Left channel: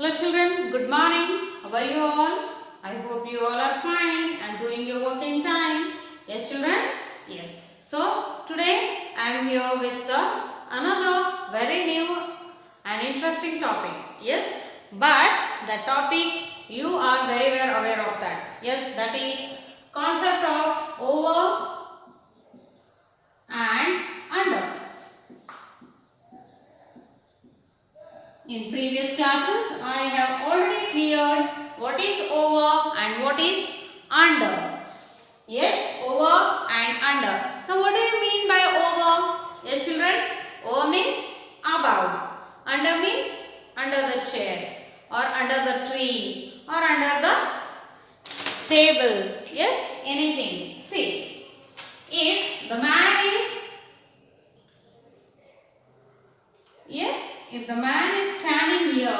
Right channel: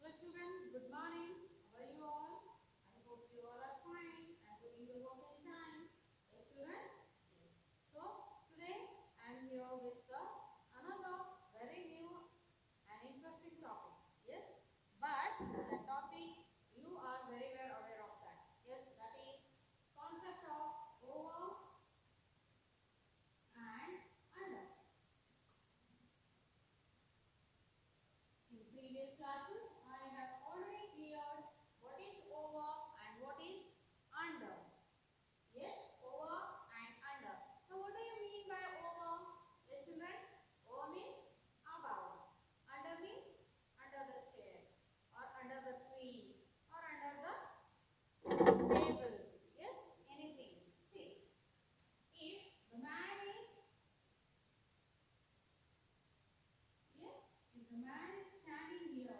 Hello children, good morning. How are you all? I hope you all are fine and doing your work in time. Yes children? Yes. So today I am here with another very new and interesting topic. Yes. But the topic you are very well aware of that. Yes, that is concept of over and under. In previous classes, I have already cleared what is over and what is under. Yes, over and under. Now, what do you mean by over? Yes, children, over means above. Under means under the chair or under the tree or under the table. Yes, anything. See, if the man is if the man is standing here,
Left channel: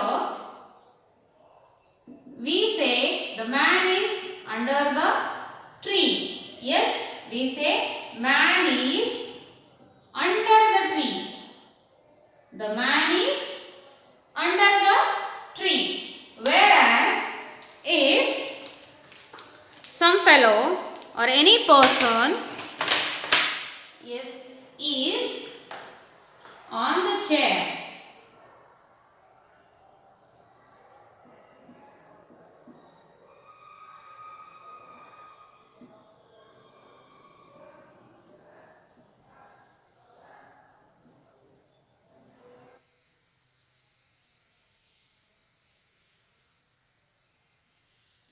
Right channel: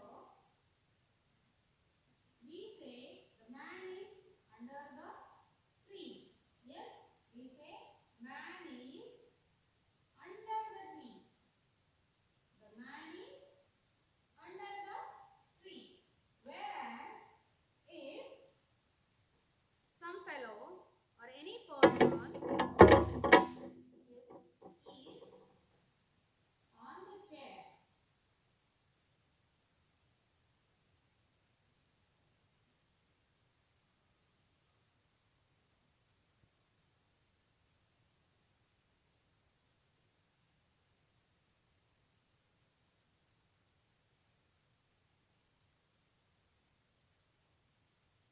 we say the man is under the tree. Yes, we say man is under the tree. The man is under the tree. Whereas, if some fellow or any person is on the chair,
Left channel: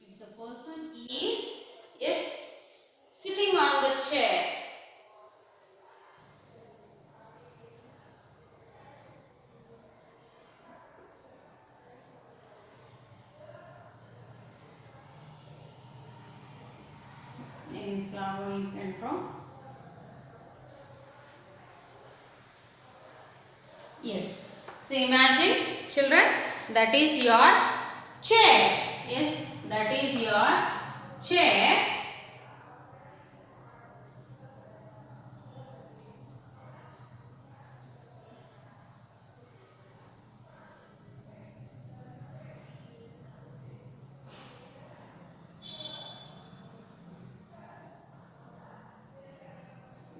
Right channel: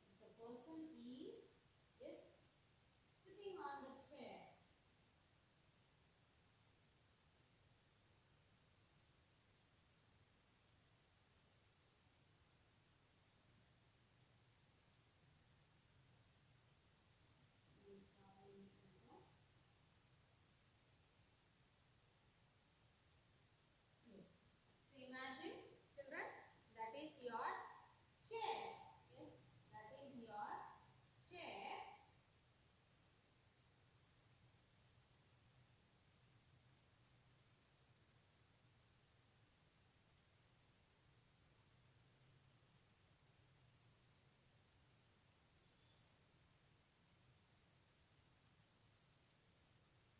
if the person is sitting on the chair, in flower you can draw. Yes. So imagine children, that is your chair. Yes, that is your chair.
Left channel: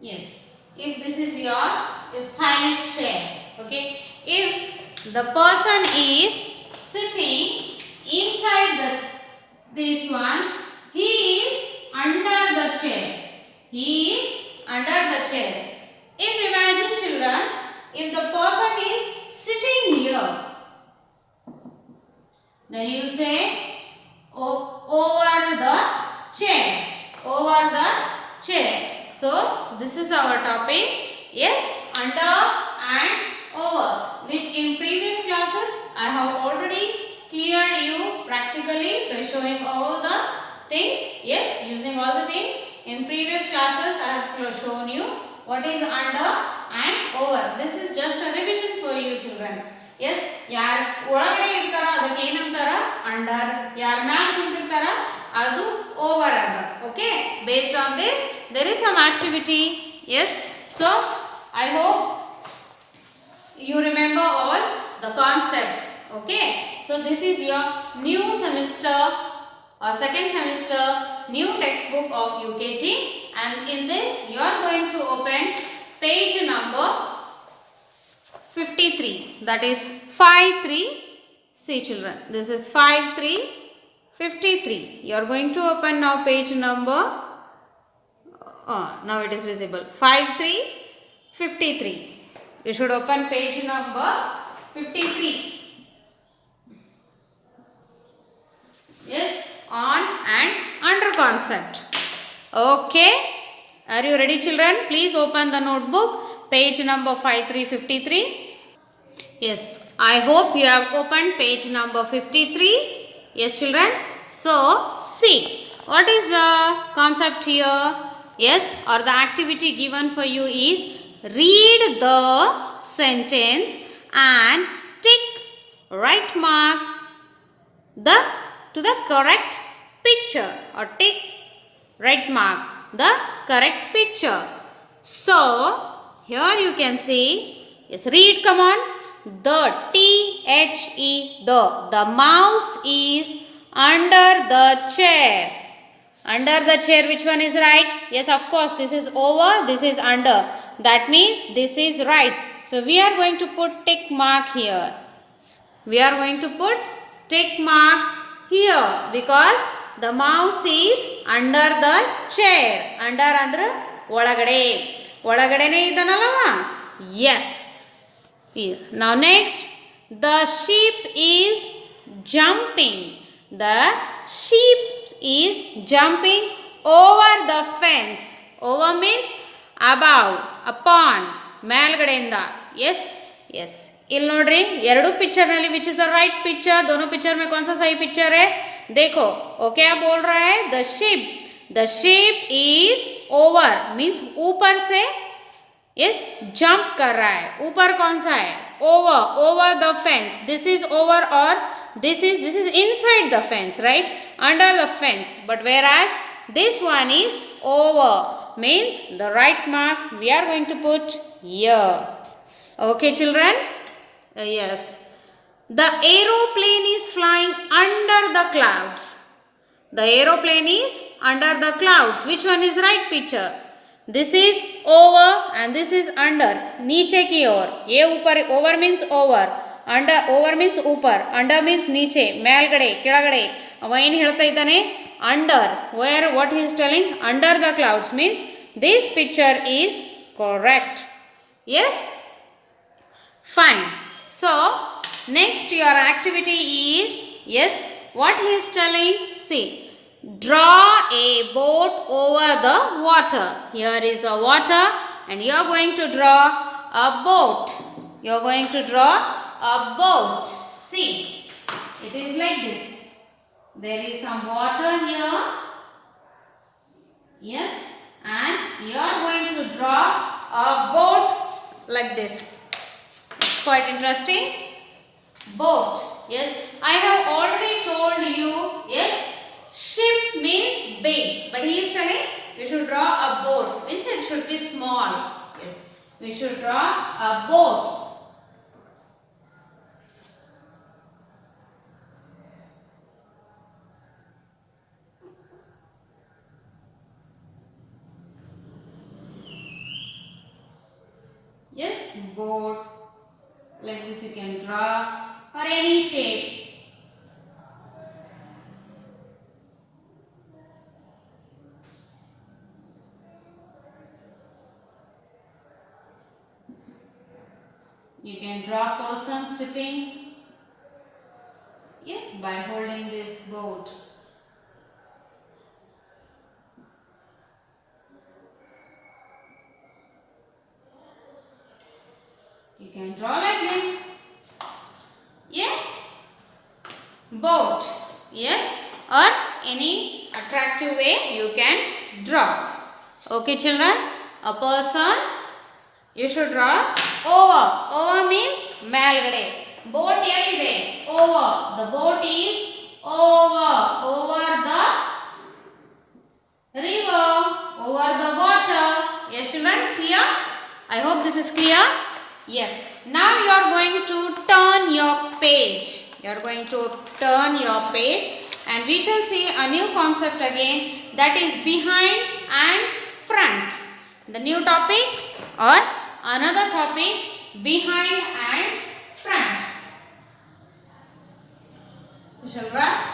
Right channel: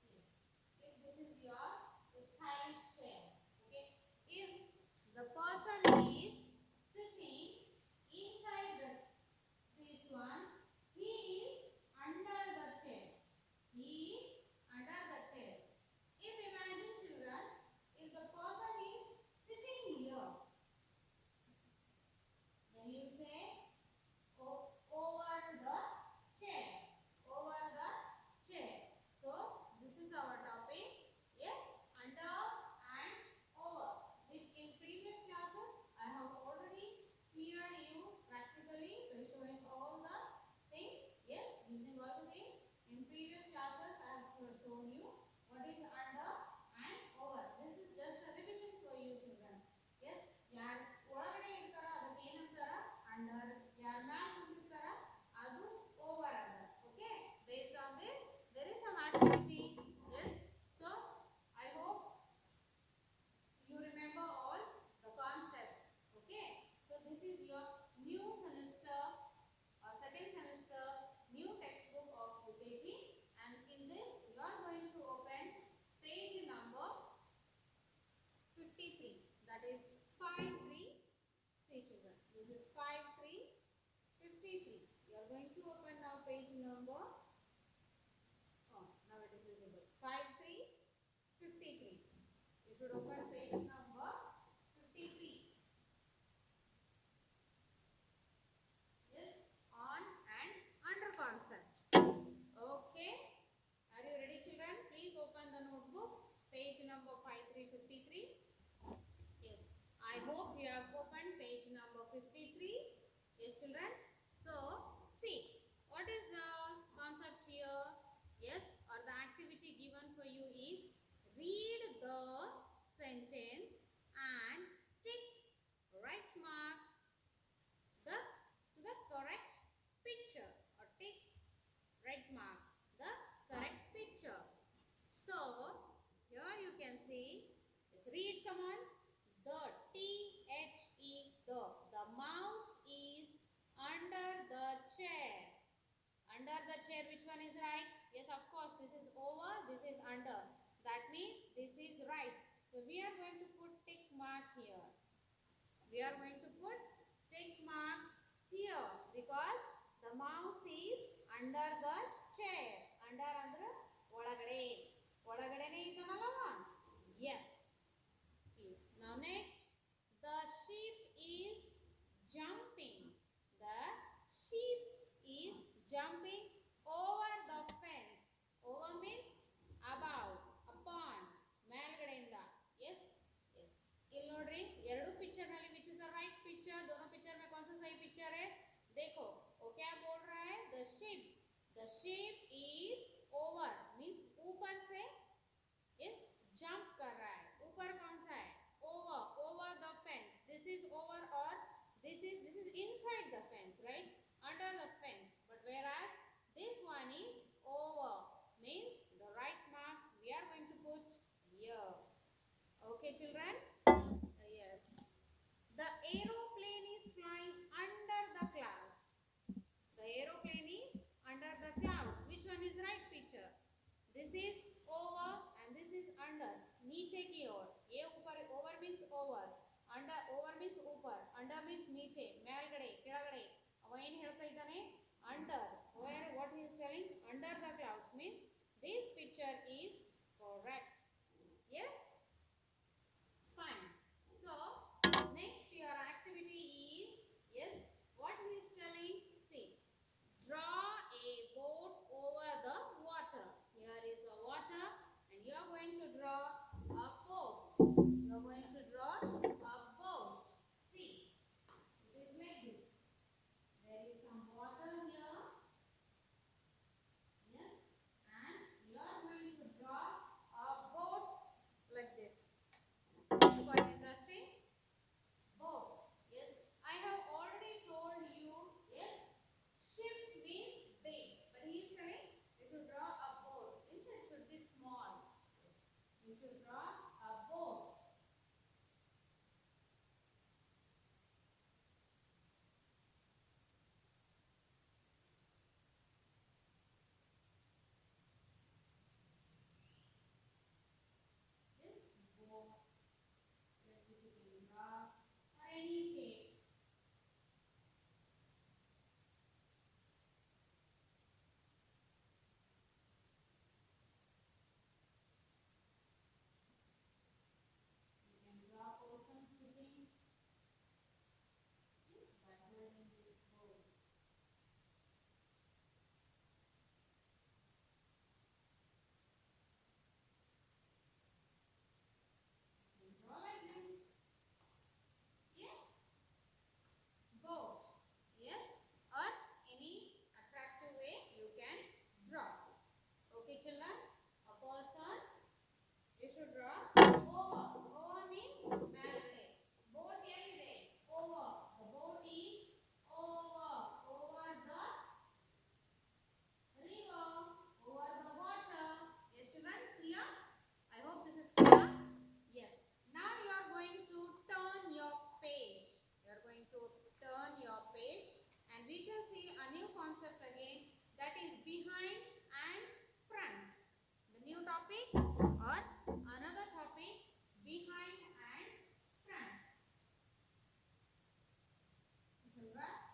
Yes. If this is your stylish chair. Okay. If the person is sitting inside this one, he is under the chair. He is under the chair. If imagine children, if the person is sitting here, then you will say over the chair. Over the chair. So this is our topic. Yes, under and over. Which in previous classes I have already cleared you practically by showing all the things. Yes, using all the things. In previous classes I have shown you what is under and over. This is just a revision for you children. Yes, ಯಾರು ಒಳಗಡೆ ಇರ್ತಾರೋ ಅದಕ್ಕೆ ಏನಂತಾರ under, ಯಾರು ಮ್ಯಾಲ ಕುಂತಿರ್ತಾರ ಅದು over ಅಂತ. Okay, based on this there is some activity. Yes, so I hope you remember all the concepts. Okay, so this is your new semester or second semester new textbook of UKG, and in this you are going to open page number 53, that is 53. See children, this is 53. You are going to open now page number, now it is visible, 53. You should open page number 53. Yes, on and under concept. Okay, are you ready children? Please open the notebook, page number 53. Yes, I hope you have opened page number 53. Yes children, so see what is the concept here. Yes, or the activity given for you is read the sentence and tick right mark to the correct picture, or tick right mark the correct picture. So here you can see, yes, read, come on. The T The. The mouse is under the chair. Under the chair, which one is right? Yes, of course, this is over, this is under. That means this is right. So we are going to put tick mark here. We are going to put tick mark here because the mouse is under the chair. Under andre ಒಳಗಡೆ. ಒಳಗಡೆನೇ ಇದ್ದಾನಲ್ಲವ? Yes. Now next, the sheep is jumping. The sheep is jumping over the fence. Over means above, upon, ಮೇಲ್ಗಡೆಯಿಂದ. Yes, yes. ಇಲ್ಲಿ ನೋಡ್ರಿ ಎರಡು picture ನಲ್ಲಿ which is the right picture? दोनों picture में कौन सा सही पिक्चर है? देखो, वो क्या बोल रहा है? The sheep is over means ऊपर से यस जंप कर रहा है. ऊपर कौन सा है? Over the fence. This is over और this is inside the fence, right? Under the fence. But whereas this one is over means the right mark we are going to put here. Okay children? Yes. The aeroplane is flying under the clouds. The aeroplane is under the clouds. Which one is right picture? This is over and this is under. नीचे की ओर. ये ऊपर. Over means over. Under. Over means ऊपर. Under means नीचे. ಮೇಲ್ಗಡೆ, ಕೆಳಗಡೆ. ಅವ ಏನು ಹೇಳ್ತಾ ಇದ್ದಾನೆ? Under. Where what he is telling? Under the clouds means this picture is correct. Yes? Fine. So, next your activity is, yes, what he is telling? See, draw a boat over the water. Here is a water and you are going to draw a boat. You are going to draw a boat. See, it is like this. There is some water here. Yes, and you are going to draw a boat like this. It's quite interesting. Boat. Yes, I have already told you. Yes, ship means big, but he is telling we should draw a boat. Means it should be small. Yes, we should draw a boat. Yes, boat. Like this you can draw or any shape. You can draw person sitting. Yes, by holding this boat. You can draw like this. Yes, boat. Yes, or any attractive way you can draw. Okay children, a person you should draw over. Over means ಮೇಲ್ಗಡೆ. Boat ಎಲ್ಲಿದೆ? Over. The boat is over the river, over the water. Yes children, clear? I hope this is clear. Yes. Now you are going to turn your page. You are going to turn your page and we shall see a new concept again, that is behind and front. The new topic or another topic, behind and front. We shall write.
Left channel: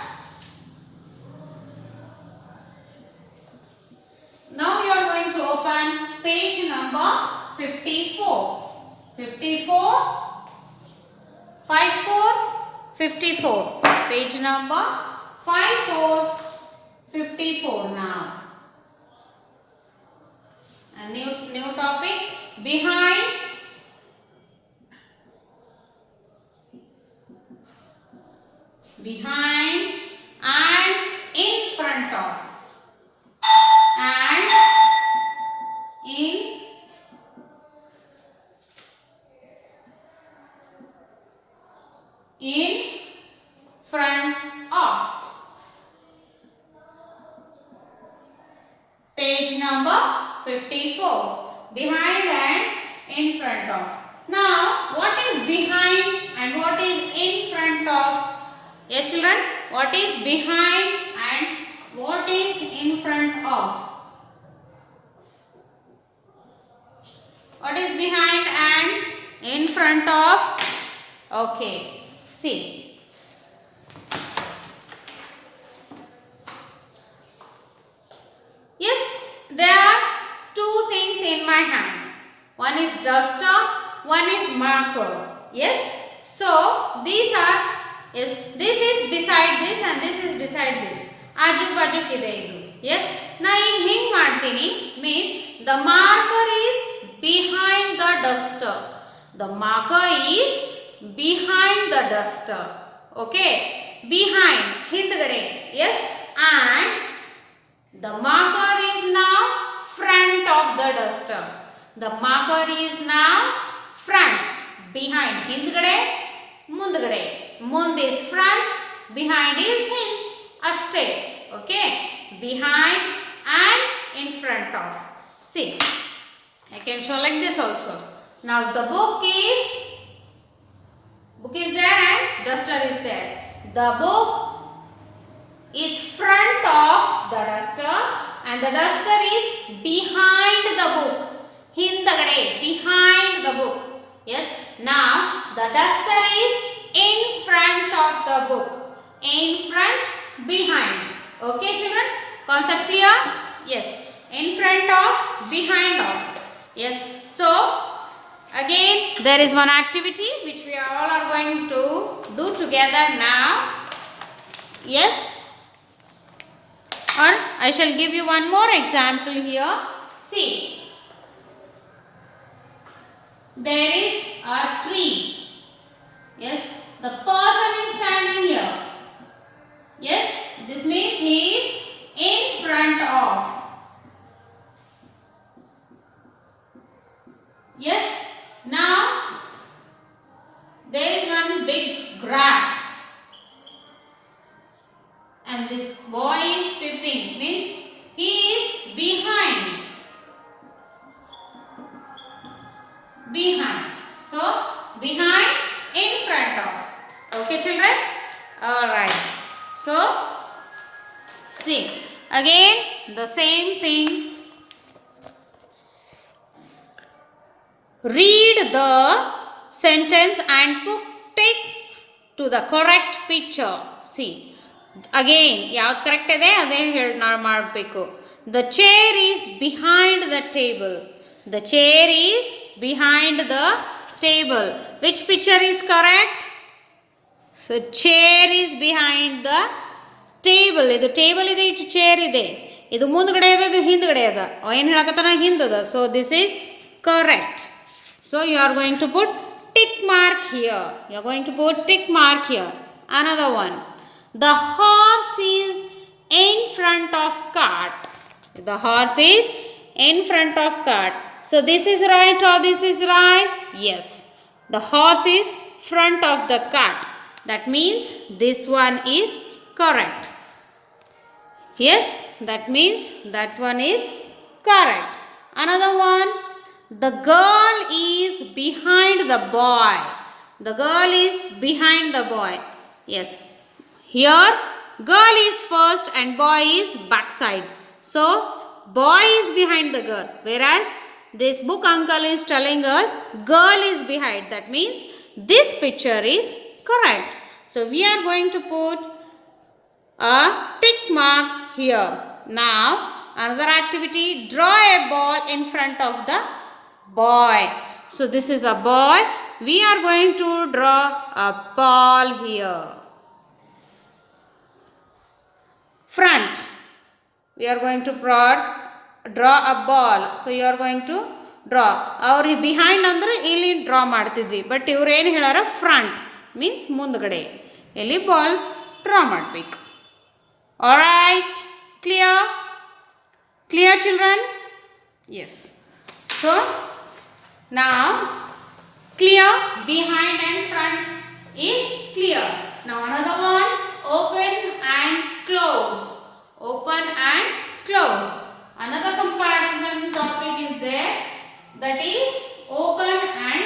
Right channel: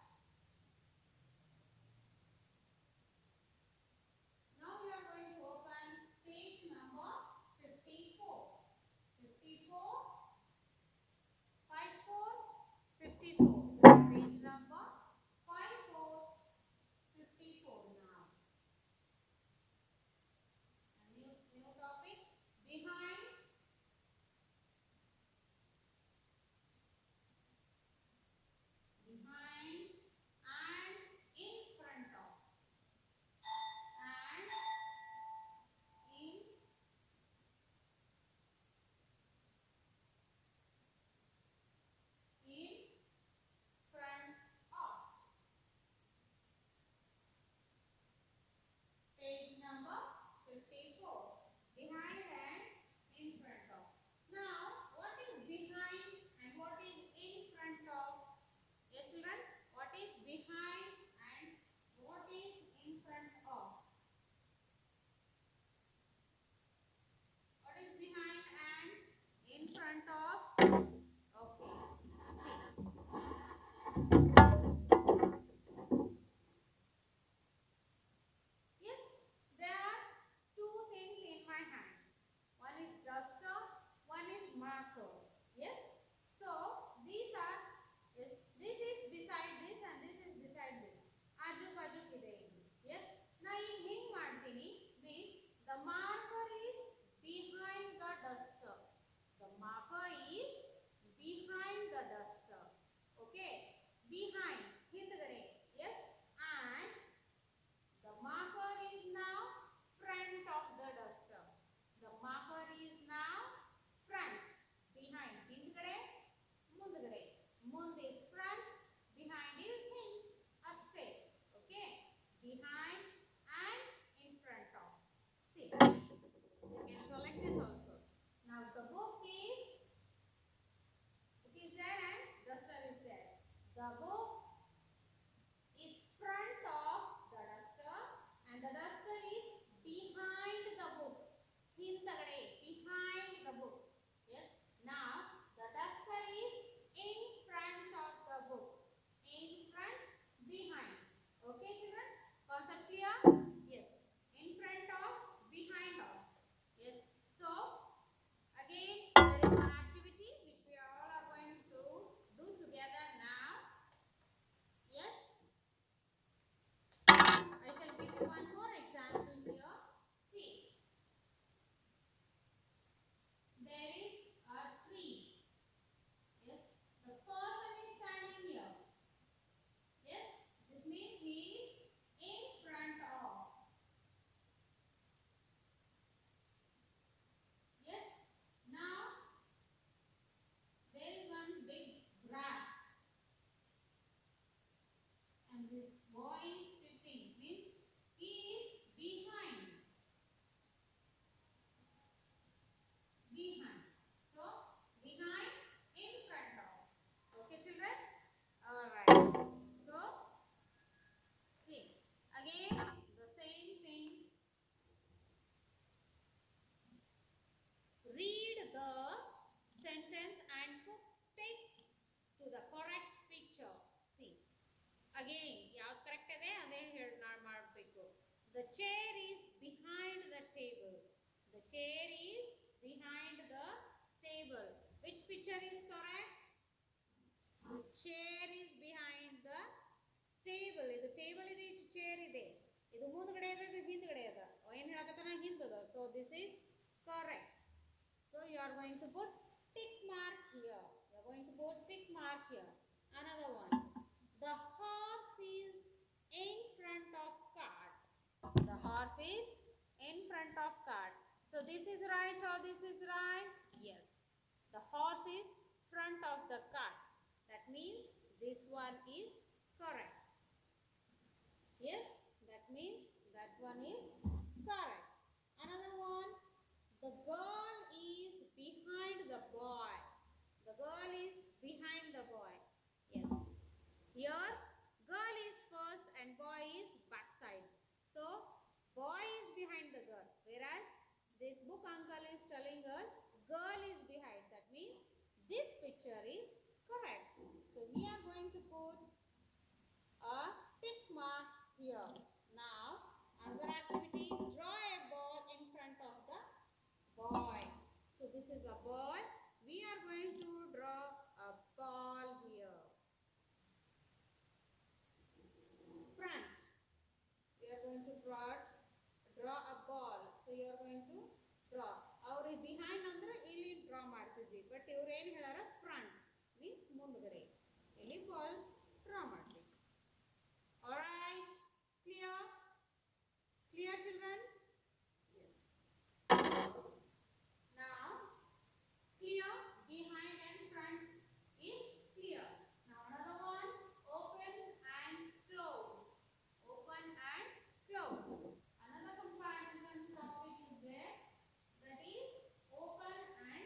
Now you are going to open page number 54. 54, 54, 54. Page number 54, 54 now. A new topic, behind and in front of. And in front of. Page number 54. Behind and in front of. Now, what is behind and what is in Yes children, what is behind and what is in front of? What is behind and in front of? Okay, see. Yes, there are two things in my hand. One is duster, one is marker. Yes, so these are, yes, this is beside this and this is beside this. Aju baju kide idu. Yes, na in hing ಮಾಡ್ತೀನಿ means the marker is behind the duster. The marker is behind the duster. Okay, behind, hindgade. Yes, and the marker is now front of the duster. The marker is now front. Behind, hindgade, mundgade. Mund is front, behind is hind. Ashte. Okay, behind and in front of. See, I can show like this also. Now the book is there and duster is there. The book is front of the duster and the duster is behind the book. Hindagade, behind the book. Yes, now the duster is in front of the book. In front, behind. Okay children, concept clear? Yes, in front of, behind of. Yes, so again there is one activity which we all are going to do together now. Yes, or I shall give you one more example here. See, there is a tree. Yes, the person is standing here. Yes, this means he is in front of. Yes, now there is one big grass and this boy is peeping, means he is behind. Behind. So, behind, in front of. Okay children? Alright. So, see, again the same thing. Read the sentence and put tick to the correct picture. See, again ಯಾವ್ದು correct ಇದೆ ಅದೇ ನಾವು ಮಾಡಬೇಕು. The chair is behind the table. The chair is behind the table. Which picture is correct? So chair is behind the table. ಇದು table ಇದೆ, ಇದು chair ಇದೆ, ಇದು ಮುಂದ್ಗಡೆ ಇದೆ, ಇದು ಹಿಂದ್ಗಡೆ ಇದೆ. ಏನು ಹೇಳಕತ್ತಾನ? ಹಿಂದದ. So this is correct. So you are going to put tick mark here. You are going to put tick mark here. Another one. The horse is in front of cart. The horse is in front of cart. So this is right or this is right? Yes. The horse is front of the cart. That means this one is correct. Yes, that means that one is correct. Another one. The girl is behind the boy. The girl is behind the boy. Yes. Here girl is first and boy is backside. So boy is behind the girl. Whereas this book uncle is telling us girl is behind. That means this picture is correct. So we are going to put a tick mark here. Now another activity. Draw a ball in front of the boy. So this is a boy. We are going to draw a ball here. Front. We are going to draw a ball. So you are going to draw. Our behind andre illi draw ಮಾಡ್ತಿದ್ವಿ. But ಇವರು ಏನು ಹೇಳಾರ? Front means ಮುಂದ್ಗಡೆ. ಇಲ್ಲಿ ball draw ಮಾಡಬೇಕು. Alright. Clear? Clear children? Yes. So now clear, behind and front is clear. Now another one, open and close. Open and close. Another comparison topic is there, that is open and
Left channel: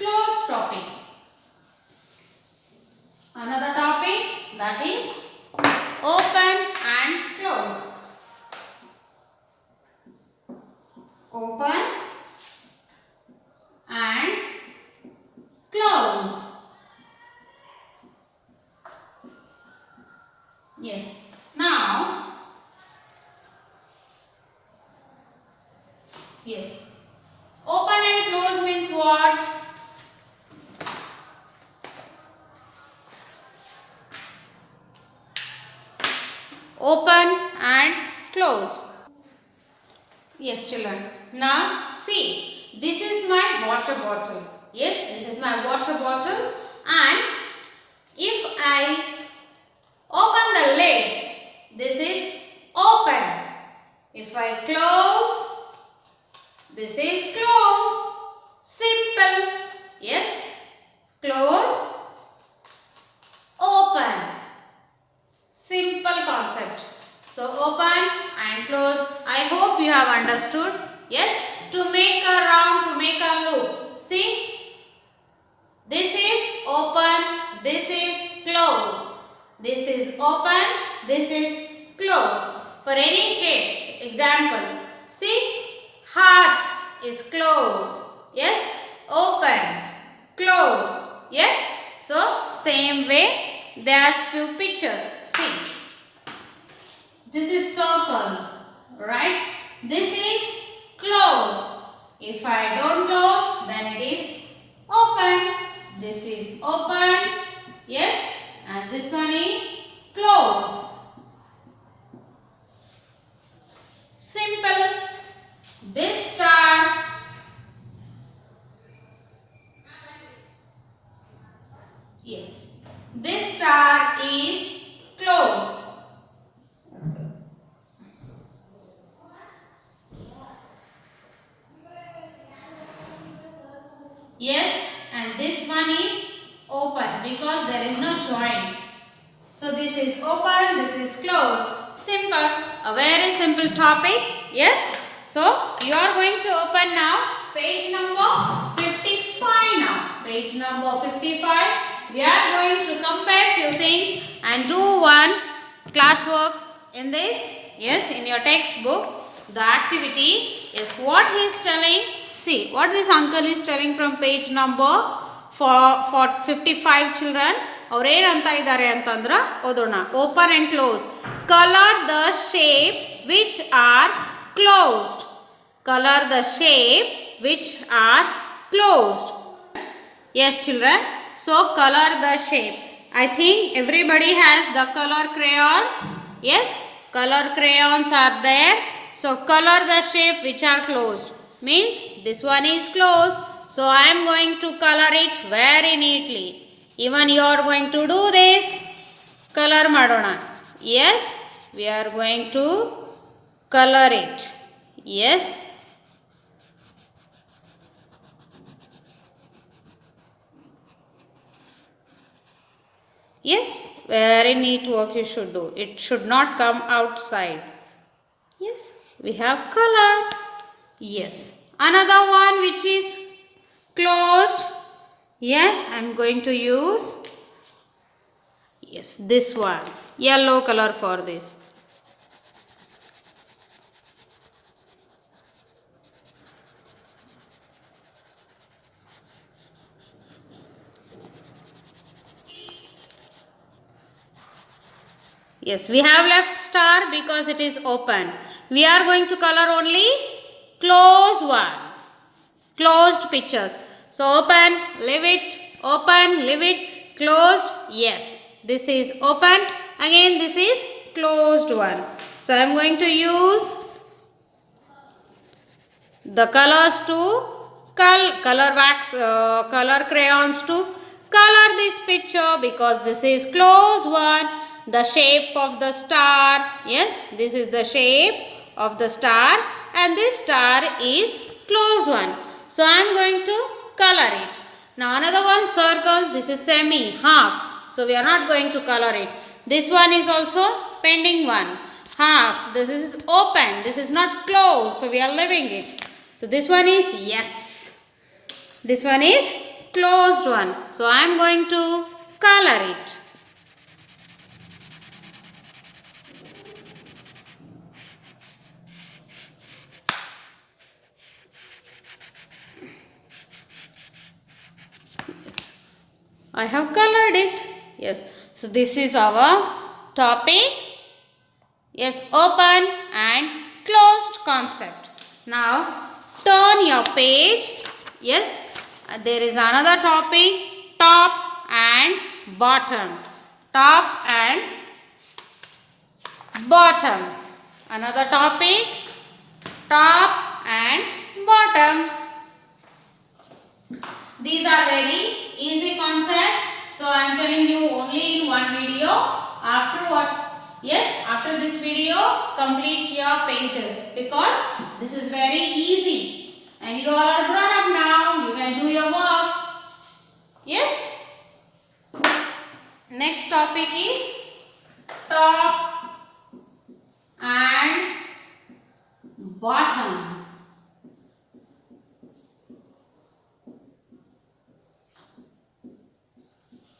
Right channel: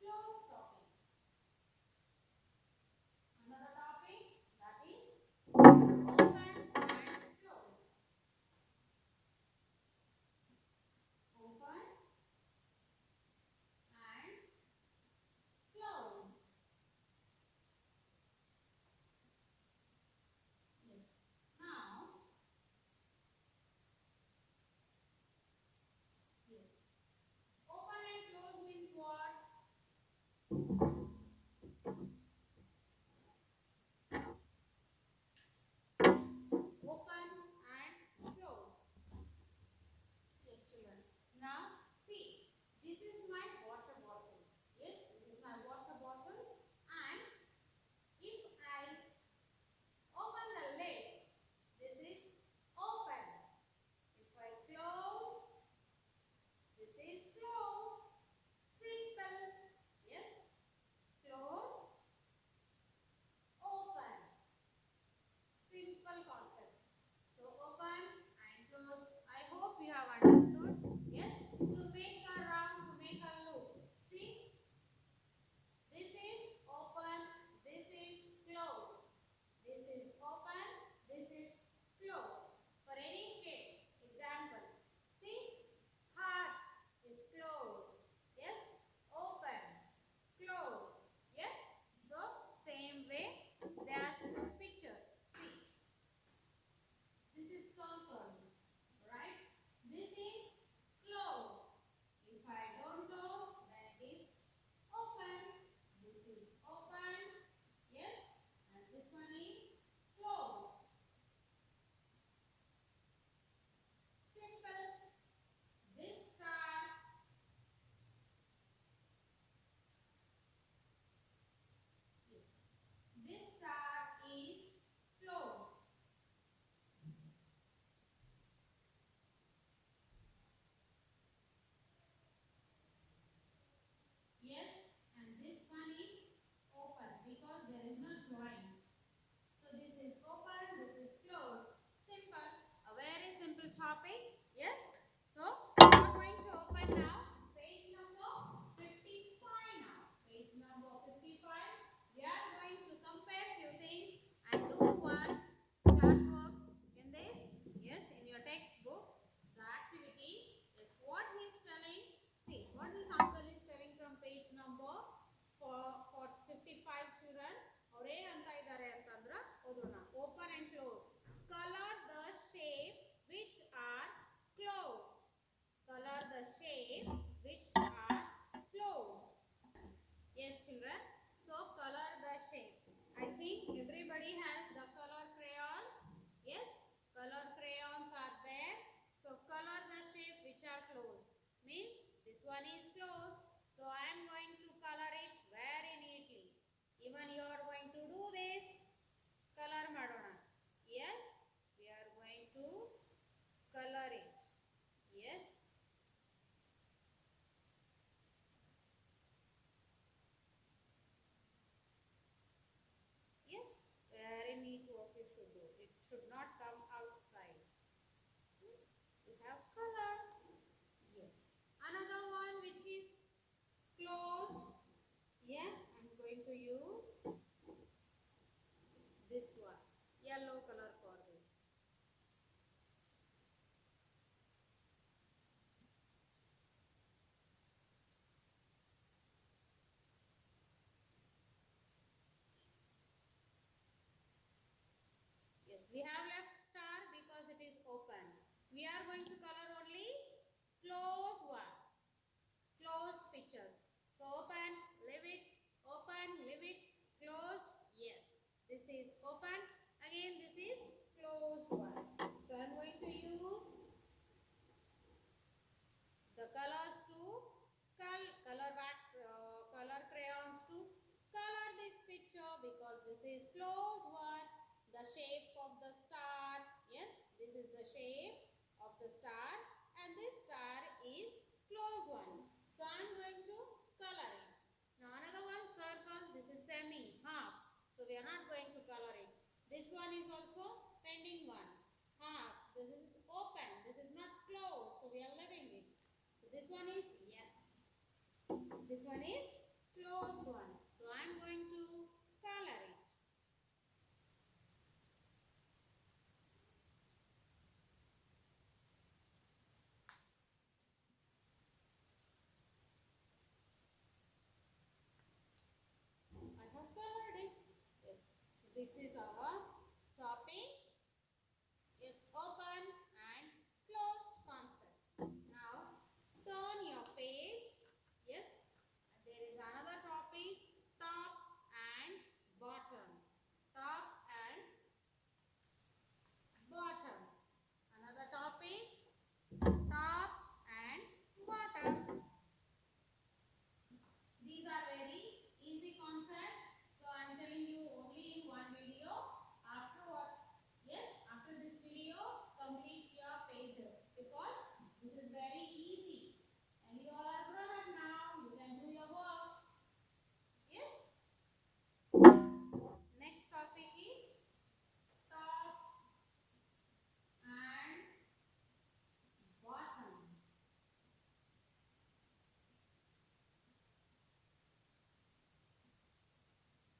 close topic. Another topic, that is open and close. Open and close. Yes. Now, yes. Open and close means what? Open and close. Yes, children. Now, see. This is my water bottle. Yes, this is my water bottle. And if I open the lid, this is open. If I close, this is close. Simple. Yes. Close, open. Simple concept. So open and close. I hope you have understood. Yes. To make a round, to make a loop. See. This is open. This is close. This is open. This is close. For any shape. Example. See. Heart is close. Yes. Open. Close. Yes. So same way. There's few pictures. See. This is circle. Right. This is close. If I don't close, then it is open. This is open. Yes. And this one is close. Simple. This star. Yes. This star is closed. Yes, and this one is open because there is no joint. So this is open, this is closed. Simple. A very simple topic. Yes. So you are going to open now page number 55 now. Page number 55. We are going to compare few things and do one classwork in this. Yes, in your textbook. The activity is what he is telling. See what this uncle is telling from page number for 55 children. ಅವ್ರು ಏನಂತ ಇದ್ದಾರೆ ಅಂತಂದ್ರೆ ಓದೋಣ. Open and close. Colour the shape which are closed. Colour the shape which are closed. Yes, children. So color the shape. I think everybody has the color crayons. Yes, color crayons are there. So color the shape which are closed. Means this one is closed. So I am going to color it very neatly. Even you are going to do this. Color madona. Yes, we are going to color it. Yes. Yes, very neat work you should do. It should not come outside. Yes, we have color. Yes, another one which is closed. Yes, I am going to use, yes, this one. Yellow color for this. Yes, we have left star because it is open. We are going to color only close one. Closed pictures. So open, leave it, open, leave it, closed. Yes, this is open. Again, this is closed one. So I am going to use the colors to color crayons to color this picture because this is closed one. The shape of the star. Yes, this is the shape of the star and this star is closed one. So I am going to color it. Now another one circle. This is semi, half. So we are not going to color it. This one is also pending one. Half. This is open. This is not closed. So we are leaving it. So this one is yes. This one is closed one. So I am going to color it. I have colored it. Yes. So this is our topic. Yes, open and closed concept. Now turn your page. Yes, there is another topic, top and bottom. Top and bottom. Another topic, top and bottom. These are very easy concepts. So I am telling you only in one video. After what? Yes, after this video, complete your pages because this is very easy. And you all are grown up now. You can do your work. Yes. Next topic is top and bottom.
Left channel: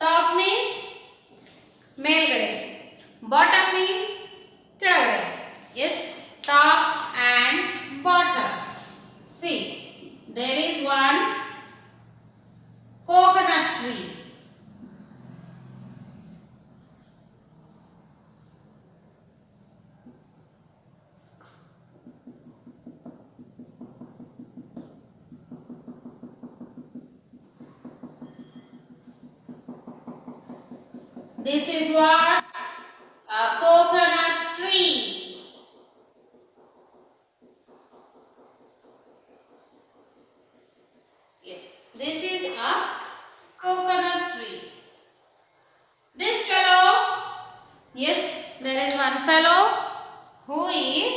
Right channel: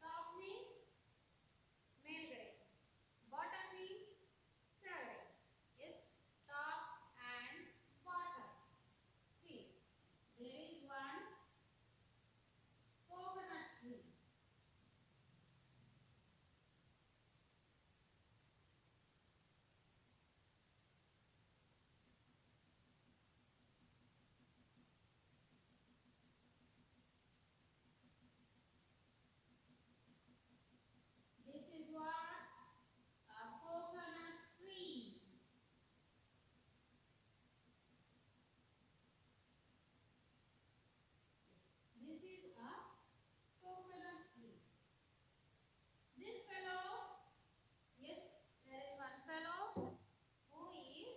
Top means ಮೇಲ್ಗಡೆ. Bottom means ಕೆಳಗಡೆ. Yes, top and bottom. See, there is one coconut tree. This is what? A coconut tree. Yes, this is a coconut tree. This fellow, yes, there is one fellow who is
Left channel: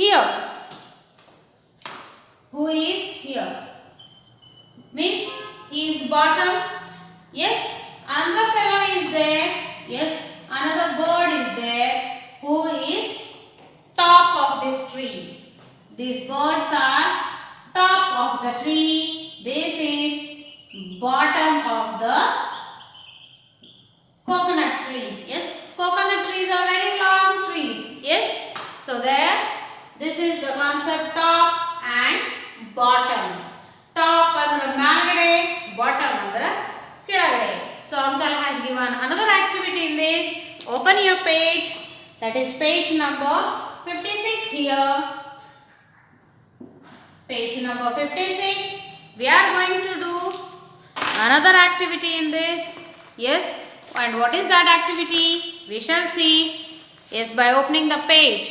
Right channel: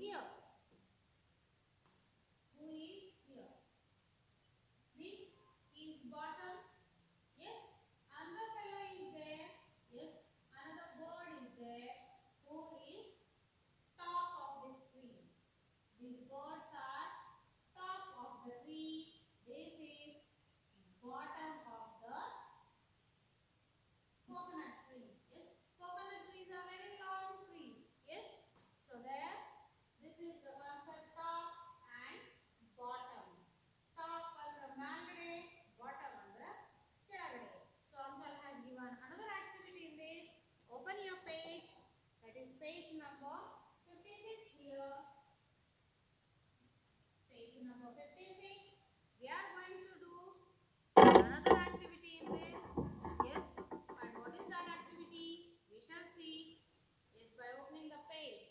here. Who is here? Means he is bottom. Yes, another fellow is there. Yes, another bird is there who is top of this tree. These birds are top of the tree. This is bottom of the coconut tree. Yes, coconut trees are very long trees. Yes, so there, this is the concept top and bottom. Top andre ಮೇಲ್ಗಡೆ, bottom andre ಕೆಳಗಡೆ. So uncle has given another activity in this. Open your page. That is page number 56 here. Page number 56. We are going to do another activity in this. Yes. And what is that activity? We shall see. Yes, by opening the page.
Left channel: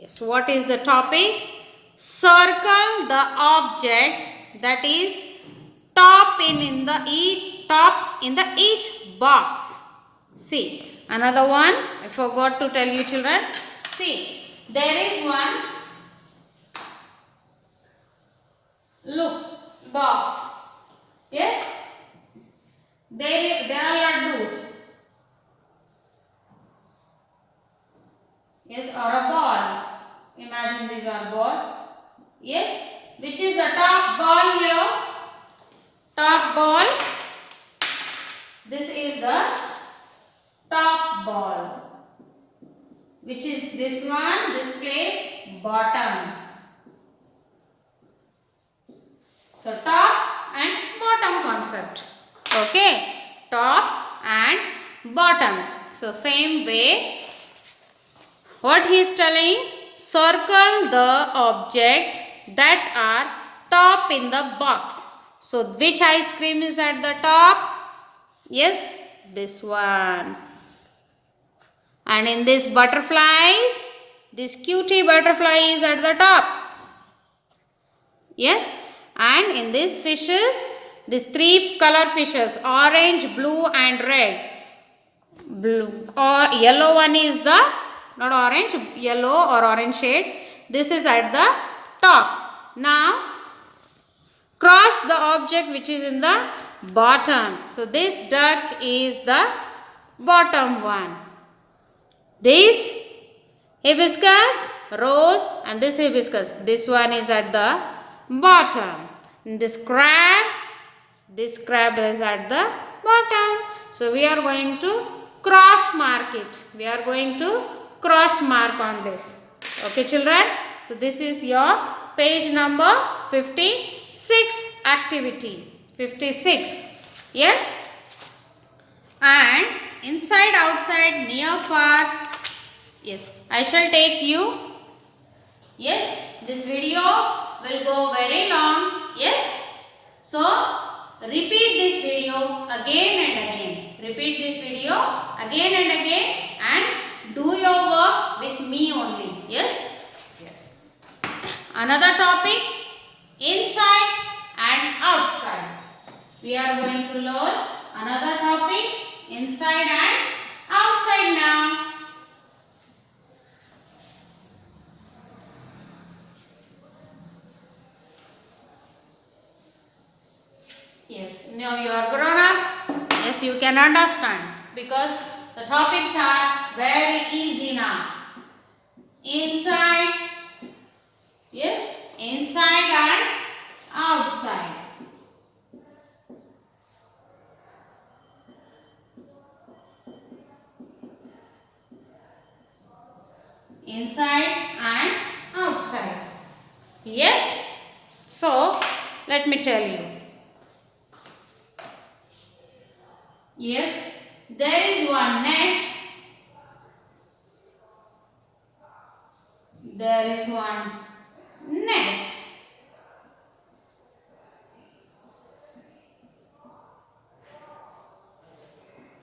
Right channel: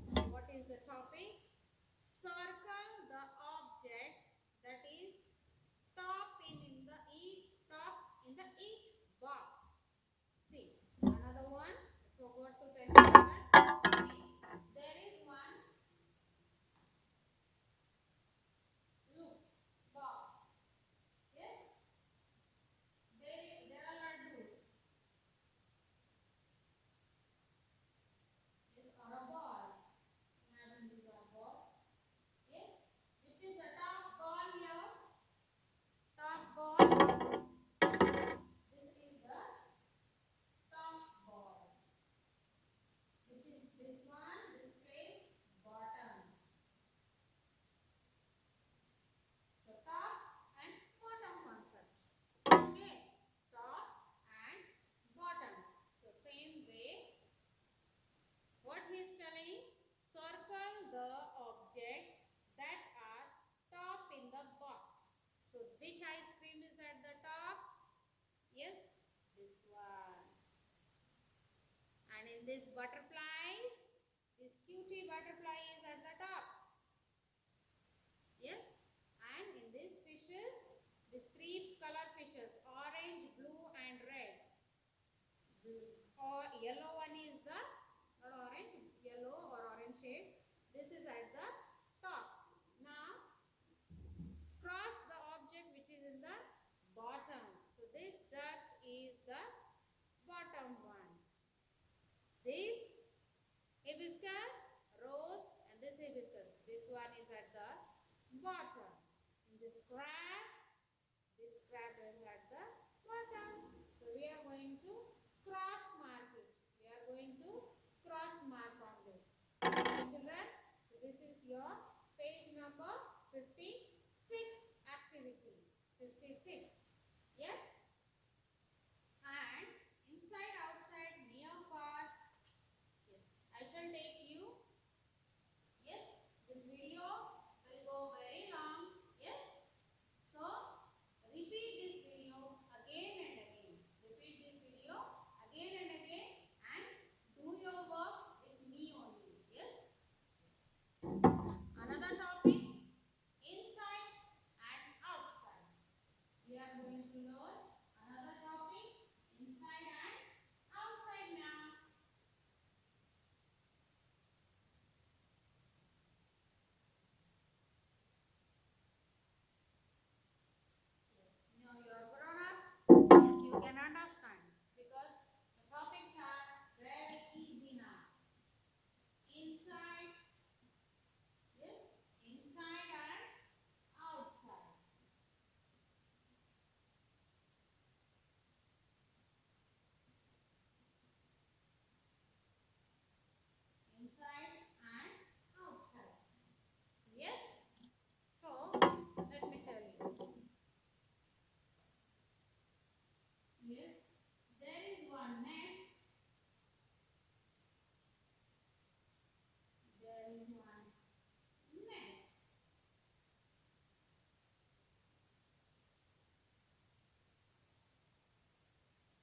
Yes. What is the topic? Circle the object that is top in the each box. See, another one. I forgot to tell you, children. See, there is one. Look, box. Yes, there are laddus. Yes, or a ball. Imagine these are ball. Yes, which is the top ball here? Top ball. This is the top ball. Which is this one? This place bottom. So top and bottom concept. Okay, top and bottom. So same way, what he is telling, circle the object that are top in the box. So which ice cream is at the top? Yes, this one. And in this butterflies, this cutie butterfly is at the top. Yes, and in these fishes, these three color fishes, orange, blue and red. Blue or yellow one is the, not orange, yellow or orange shade. This is at the top. Now cross the object which is in the bottom. So this duck is the bottom one. This hibiscus, rose, and this hibiscus, this one is at the bottom. This crab is at the bottom. So we are going to cross mark it. We are going to cross mark on this. Okay, children. So this is your page number 56 activity. 56. Yes, and inside, outside, near, far. Yes, I shall take you. Yes, this video will go very long. Yes, so repeat this video again and again. Repeat this video again and again and do your work with me only. Yes, yes. Another topic, inside and outside. We are going to learn another topic, inside and outside now. Yes, now you are grown up. Yes, you can understand because the topics are very easy now. Inside, yes, inside and outside. Inside and outside. Yes, so let me tell you. Yes, there is one net. There is one net.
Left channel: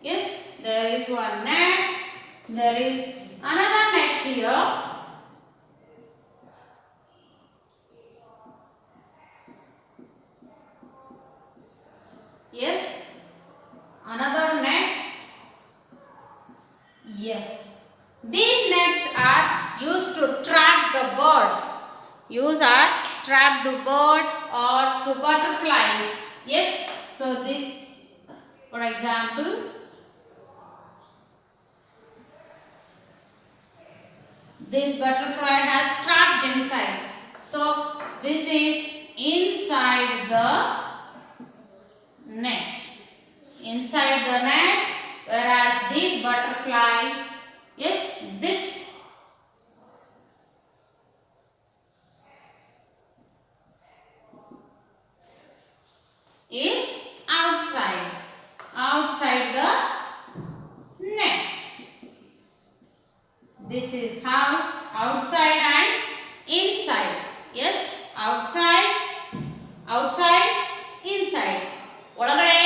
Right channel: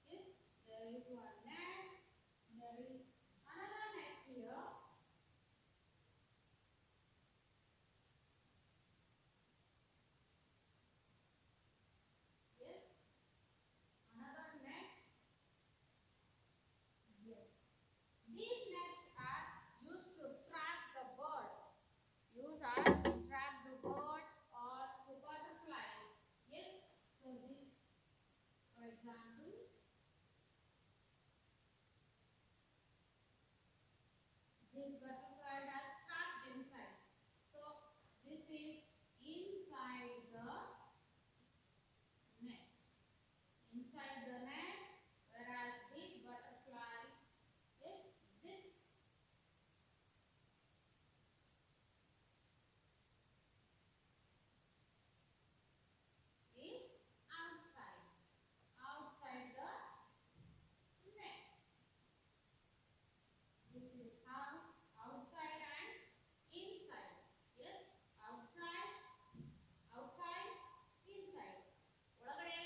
Yes, there is one net. There is another net here. Yes, another net. Yes, these nets are used to trap the birds. Trap the bird or to butterflies. Yes, so this, for example, this butterfly has trapped inside. So this is inside the net. Inside the net, whereas this butterfly, yes, this is outside the net. This is how outside and inside. Yes, outside, inside. ಒಳಗಡೆ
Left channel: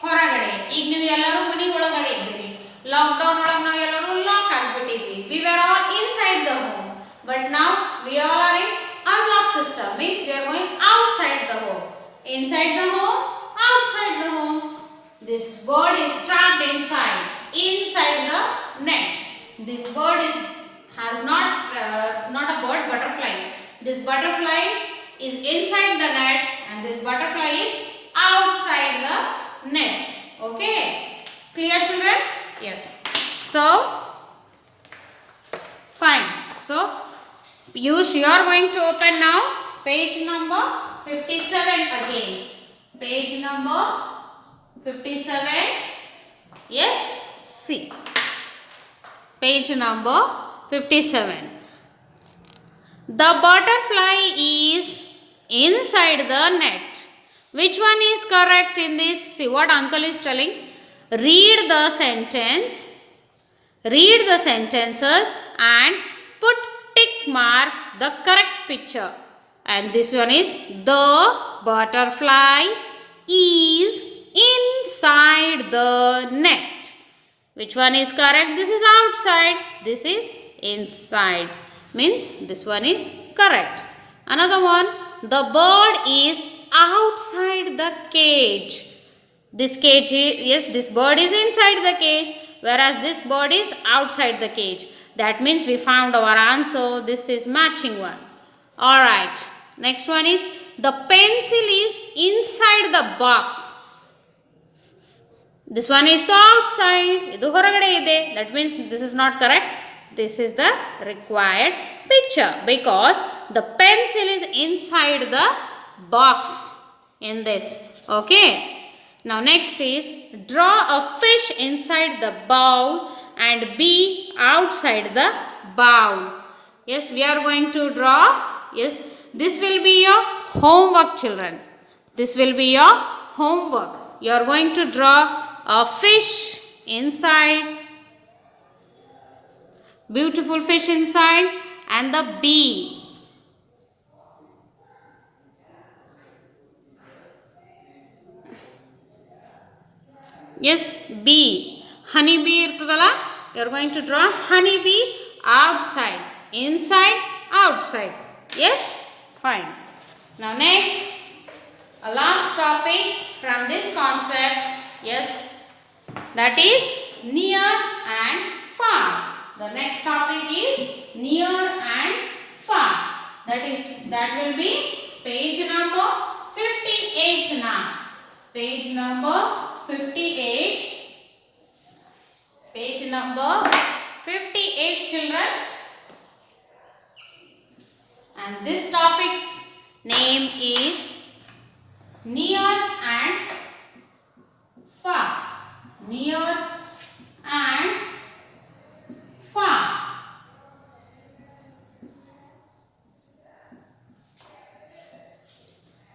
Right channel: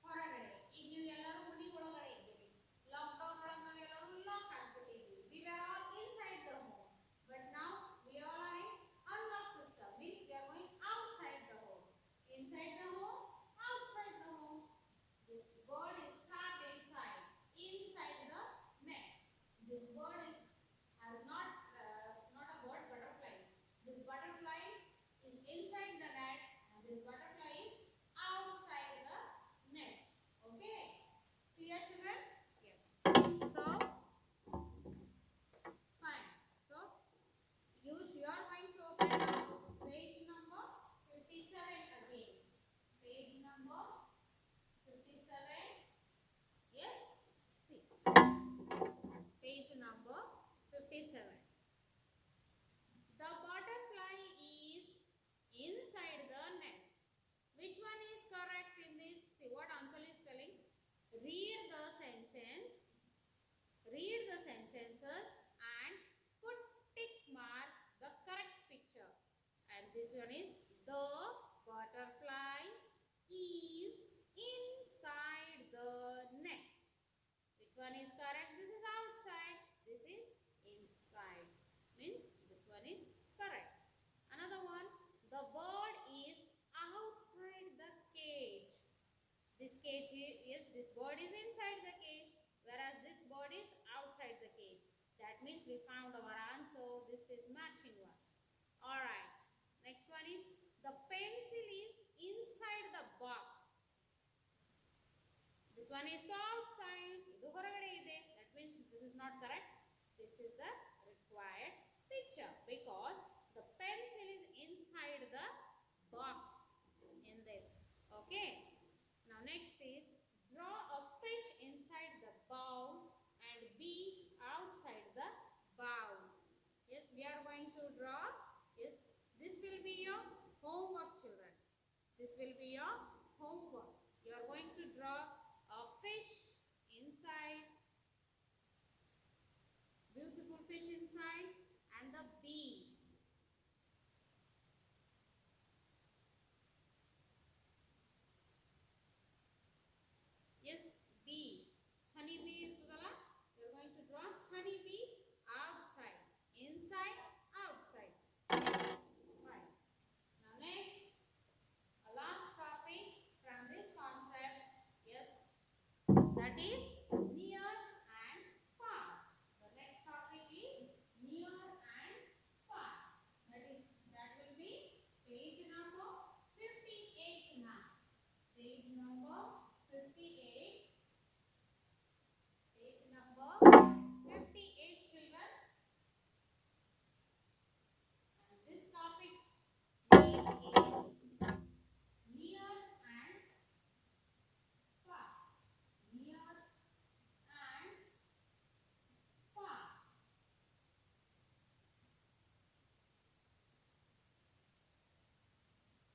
ಹೊರಗಡೆ. ಈಗ ನೀವು ಎಲ್ಲರೂ ಮನೆ ಒಳಗಡೆ ಇದ್ದೀರಿ. Lockdown ಒಳಗೆ ನಾವು ಎಲ್ಲರೂ lock ಆಗಿಬಿಟ್ಟಿದ್ವಿ. We were all inside the home. But now we all are in unlock system. Means we are going outside the home. Inside the home, outside the home. This bird is trapped inside the net. This bird has not a bird, butterfly. This butterfly is inside the net and this butterfly is outside the net. Okay, clear children? Yes. So fine. So you are going to open now page number 57 again. Page number 57. Yes, see. Page number 57. The butterfly is inside the net. Which one is correct in this? See what uncle is telling. Read the sentences and put tick mark the correct picture. And this one is the butterfly is inside the net. Which one is correct? This is outside. This is inside. Means this one is correct. Another one. The bird is outside the cage. This cage is, yes, this bird is inside the cage. Whereas this bird is outside the cage. That means we found our answer. This is matching one. Alright. Next one is. The pencil is inside the box. This one is the outside. Idu horagade ide. That means this is not correct. This is the required picture because the pencil is inside the box in this. Okay. Now next is draw a fish inside the bowl and bee outside the bowl. Yes, we are going to draw. Yes, this will be your homework, children. This will be your homework. you are going to draw a fish inside, beautiful fish inside, and the bee. Yes, bee. Honey bee irtadala. You are going to draw honey bee outside, inside, outside. Yes, fine. Now next, a last topic from this concept. Yes, that is near and far. The next topic is near and far. That will be page number 58 now. Page number 58. Page number 58, children. And this topic name is near and far. Near and far.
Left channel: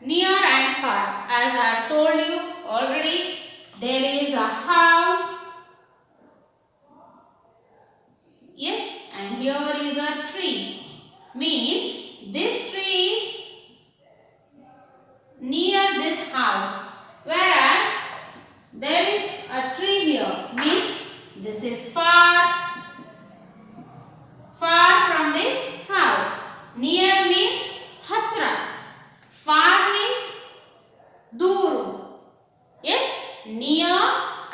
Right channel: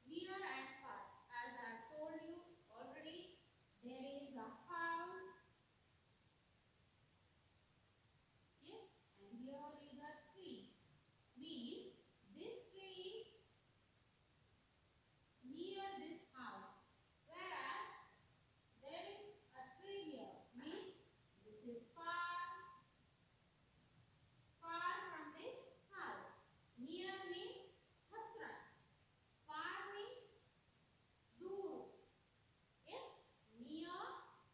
Near and far. As I have told you already, there is a house. Yes, and here is a tree. Means this tree is near this house. Whereas there is a tree here. Means this is far from this house. Near means hatra. Far means duru. Yes, near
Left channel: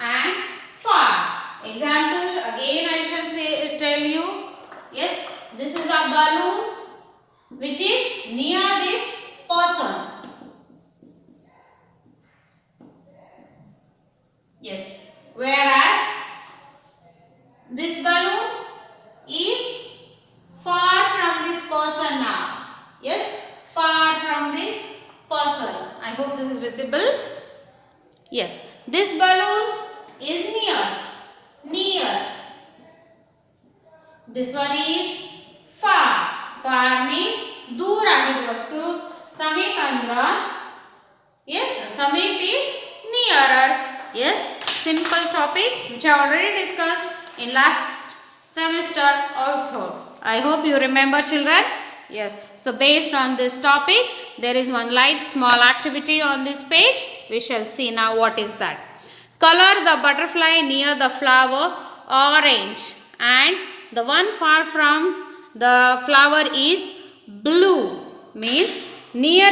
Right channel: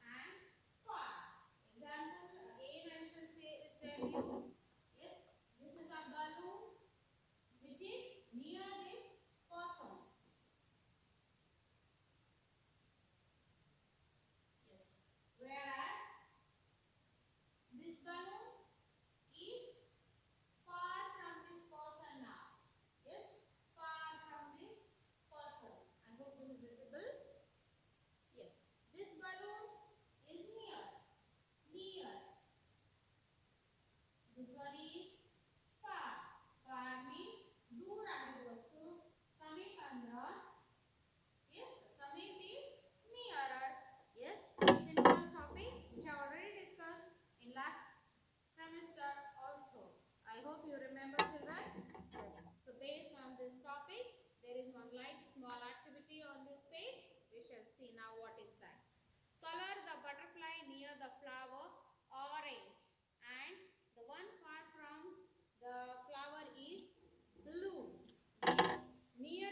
and far. Example again I shall tell you. Yes, this is a balloon which is near this person. Yes, whereas this balloon is far from this person now. Yes, far from this person. I hope this is visible. Yes, this balloon is near. This one is far. Far means dur agid vastu. Samip andra. Yes, samip is nearer. Yes, simple topic which I already discussed in last semester also. I hope you remember, children. Yes, so based on this topic, there is one light small activity on this page. We shall see now what is that. Color the butterfly near the flower orange, and the one far from the flower is blue. Means near